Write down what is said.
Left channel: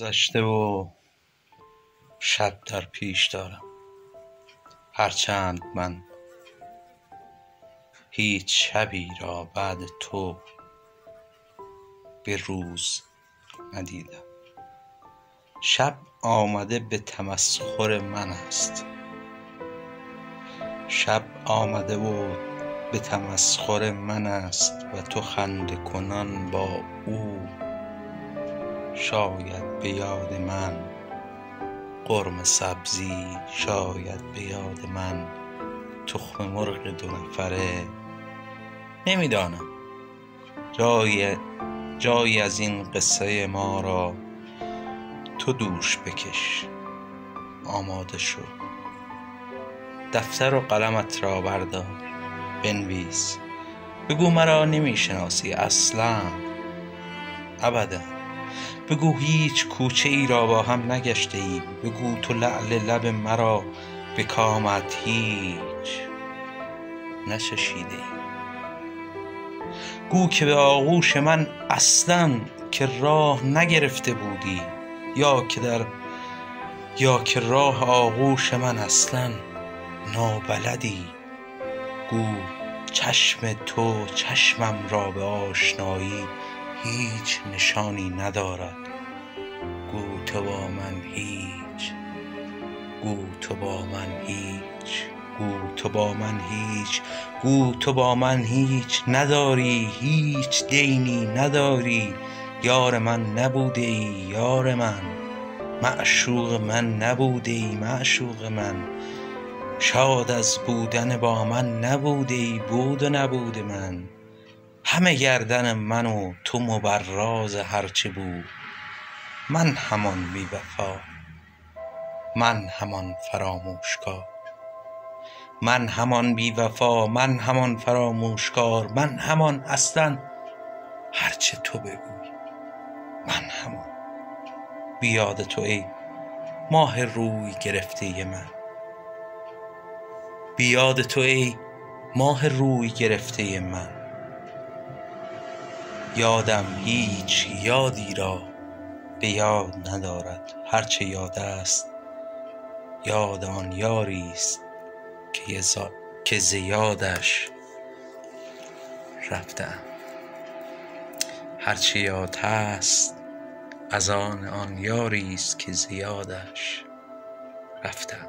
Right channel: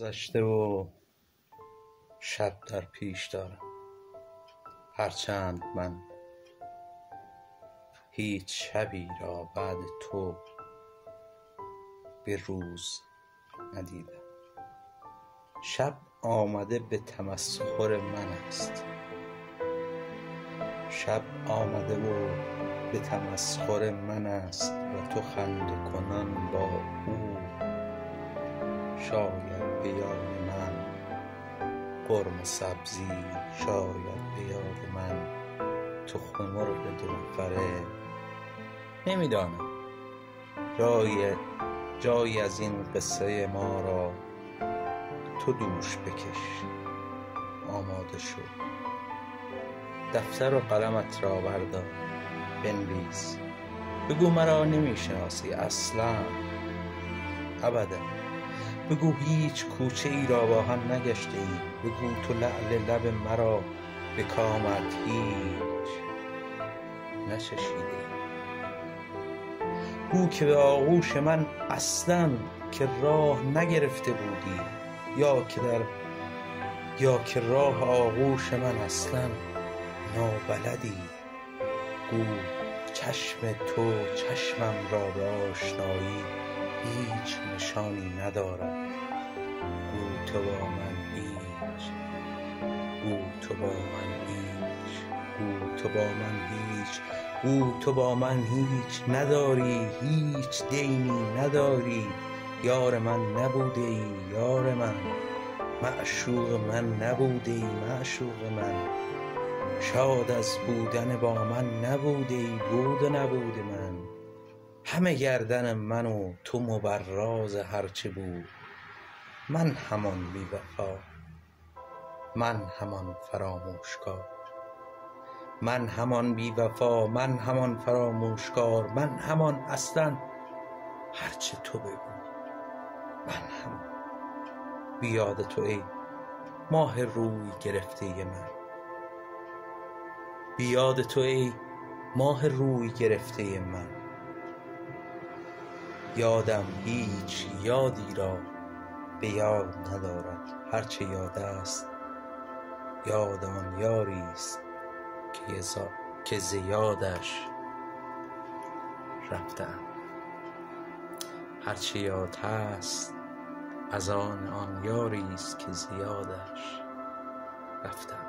گذشته و شب در پیش دارم، هرچند من هیچ شبی را بعد تو به روز ندیدم. شب آمده به تمسخر من است، شب آمده و به تمسخر من است و تو خنده کنان با او. شاید به یاد من قرمه سبزی، شاید به یاد من تخم مرغ 2 نفره. نمیدانم، جایی از این قصه ما را تو دوش بکش. آماده شو، دفتر و قلمت را بردار، بنویس. بگو مرا نمیشناسی اصلا، ابدا. بگو هیچ کوچه ای را با هم نگشته ایم. بگو تو لعل لب مرا به کامت هیچ نچشیده ای. گو که به آغوش من اصلا که راه نگرفته بودی، یا که راه آغوش من اصلا نابلدی. گو چشم تو چشمم را به آشنایی هیچ نشانی ندارد. گو تو با من هیچ، گو تو با من هیچ، گو تو با من هیچ، گو تو با من هیچ نداری، هیچ دینی نداری. یار من نبوده ای یار من، معشوق من نبوده ای معشوق من. شاد از بودن با من نبوده ای بود و نبوده من. همه گردن من و تو مبراز هرچه بود. من همان بی وفا، من همان فراموشکار، من همان بی وفا، من همان فراموشکار، من همان اصلا هرچه تو بگوی. من همان بی یاد تو ای ماه روی گرفته من، بی یاد تو ای ماه روی گرفته من. یادم هیچ یادی را به یاد ندارد، هرچه یاد است یاد آن یاری است که ز یادش رفتم. هرچه یاد هست از آن یاری است که ز یادش رفتم.